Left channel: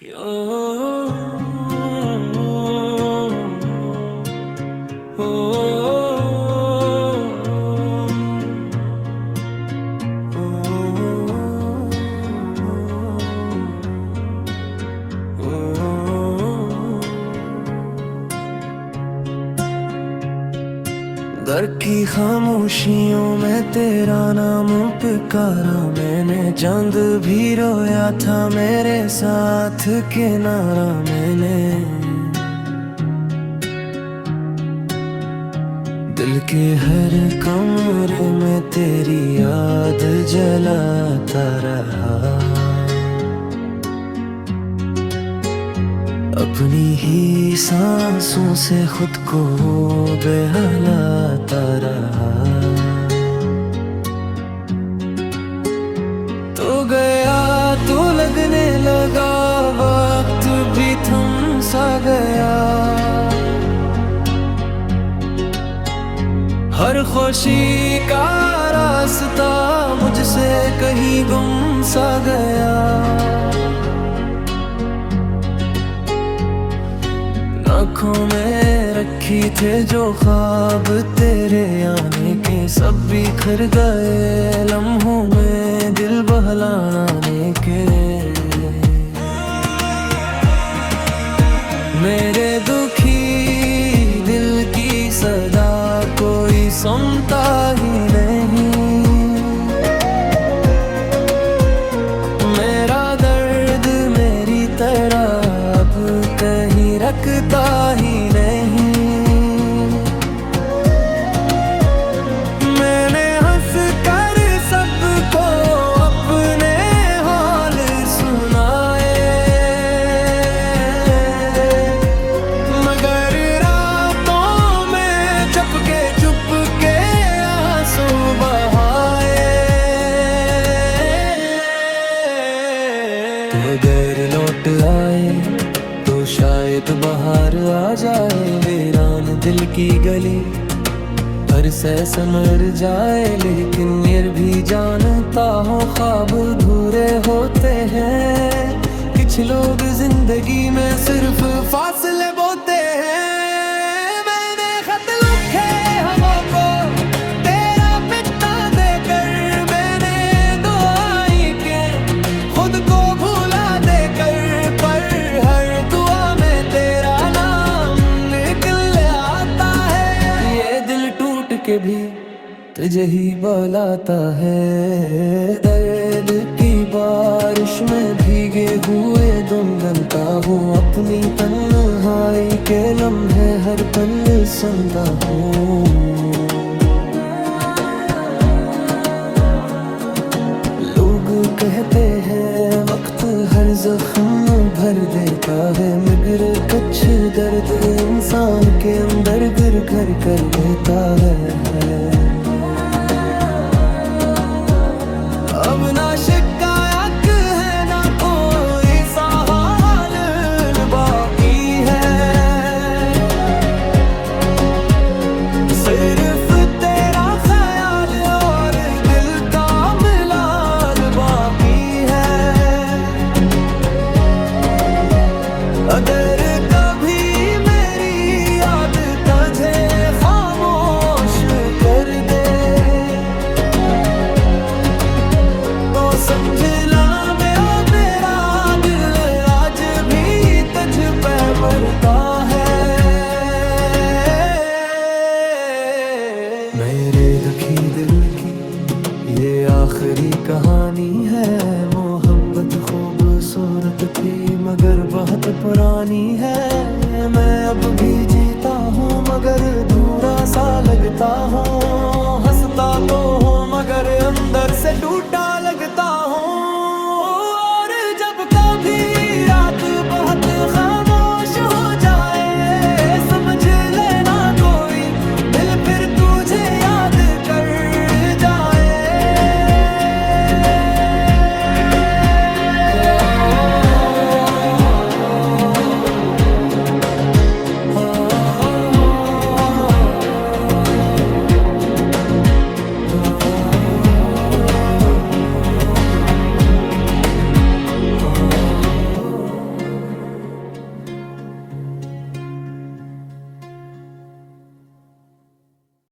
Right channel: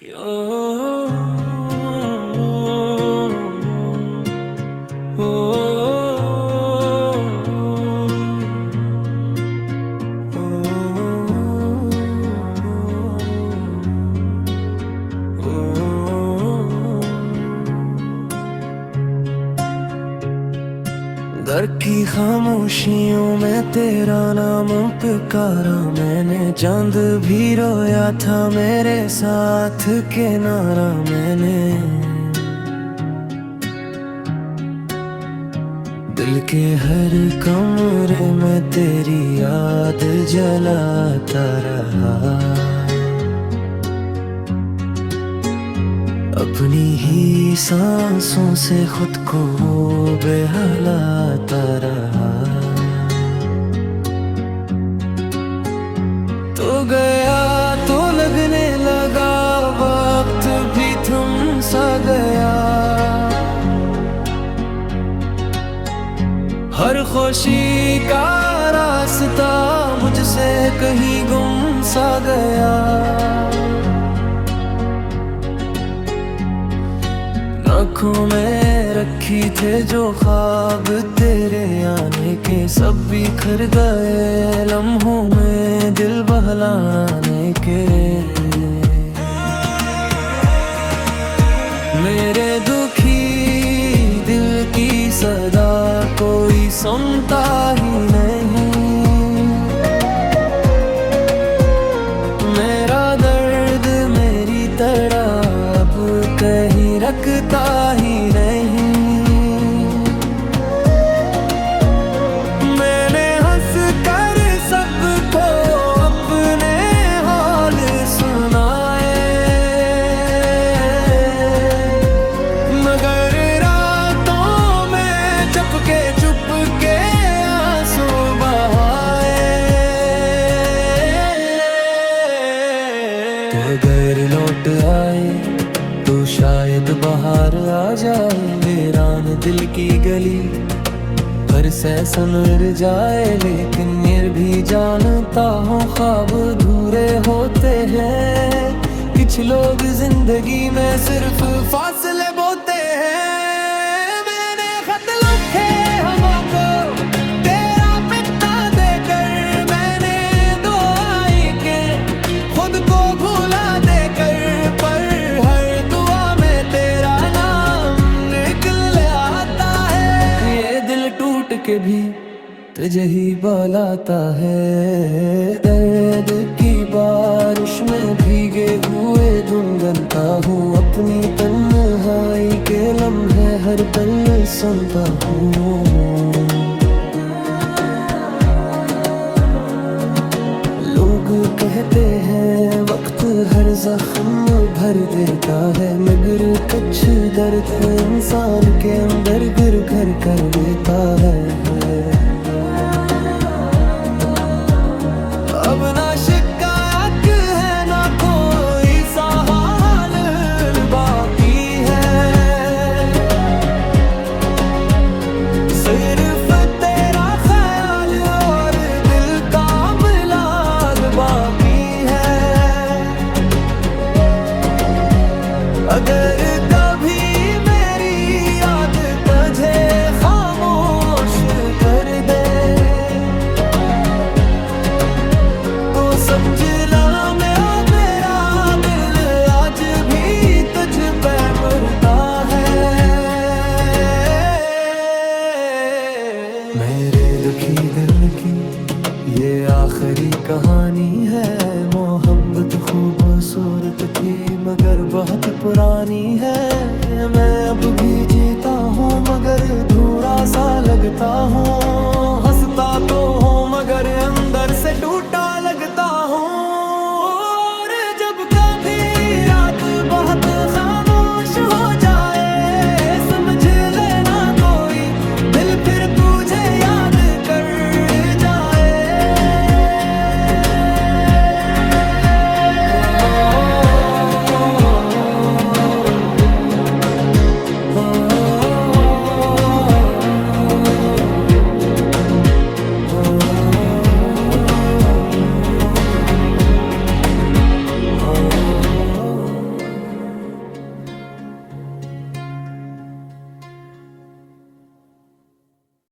Oh, oh, घर की खामोशियों में तेरा नाम पुकारा मैंने, चांद भी रोया था मेरे साथ किनारा मैंने। दिल के हर कमरे में तेरी याद जलाता रहा, अपनी ही सांसों से खुद को बहलाता रहा। तो गया तो लगने लगा वक्त भी थम सा गया, हर खुशी का रास्ता मुझसे कहीं गुम सा गया। आँखों में रखी थे जो ख्वाब तेरे आने के, सब बिखर गए लम्हों में दिल बहलाने के। मेरे दुखी दिल की सदा कोई सुनता ही नहीं, मेरा दर्द मेरी तरह अब कहीं रखता ही नहीं। मैंने हंस कर सबको अपने हाल सुनाए, मगर रातों में चुपके चुपके आंसू बहाए। तो अगर लौट आए तो शायद बाहर आ जाए, वीरान दिल की गली हर से संवर जाए। लेकिन ये भी जानता हूँ ख्वाब अधूरे होते हैं, कुछ लोग जिंदगी में सिर्फ फासले बोते हैं। मैंने खत लिखे हवा को तेरा पिता देकर, मैंने दुआएं के खुद को भुला देकर, पर हर दुआ में तेरा नाम निकल आता है। ये दिल टूट के भी तुझे ही बुलाता है, दर्द की बारिश में भीगे हुए गुनगुनाता हूँ, अपनी तन्हाई के लम्हे हर पल सुनता हूँ। लोग कहते हैं वक्त हर जख्म भर देता है, मगर कुछ दर्द इंसान के अंदर गिर घर कर लेता है। अब ना शिकायत है ना कोई सहाल बाकी है, सिर्फ तेरा ख्याल और दिल का मिलाल बाकी है। अगर कभी मेरी याद तुझे खामोश कर दे, तो समझ ला मेरा दिल आज भी तुझ पे मरता है। मेरे दुखी दिल की ये आखिरी कहानी है, मोहब्बत खूबसूरत थी मगर बहुत पुरानी है। मैं अब भी जीता हूँ मगर अधूरा सा लगता हूँ, हंसता तो हूँ मगर अंदर से टूटा लगता हूँ। और जब कभी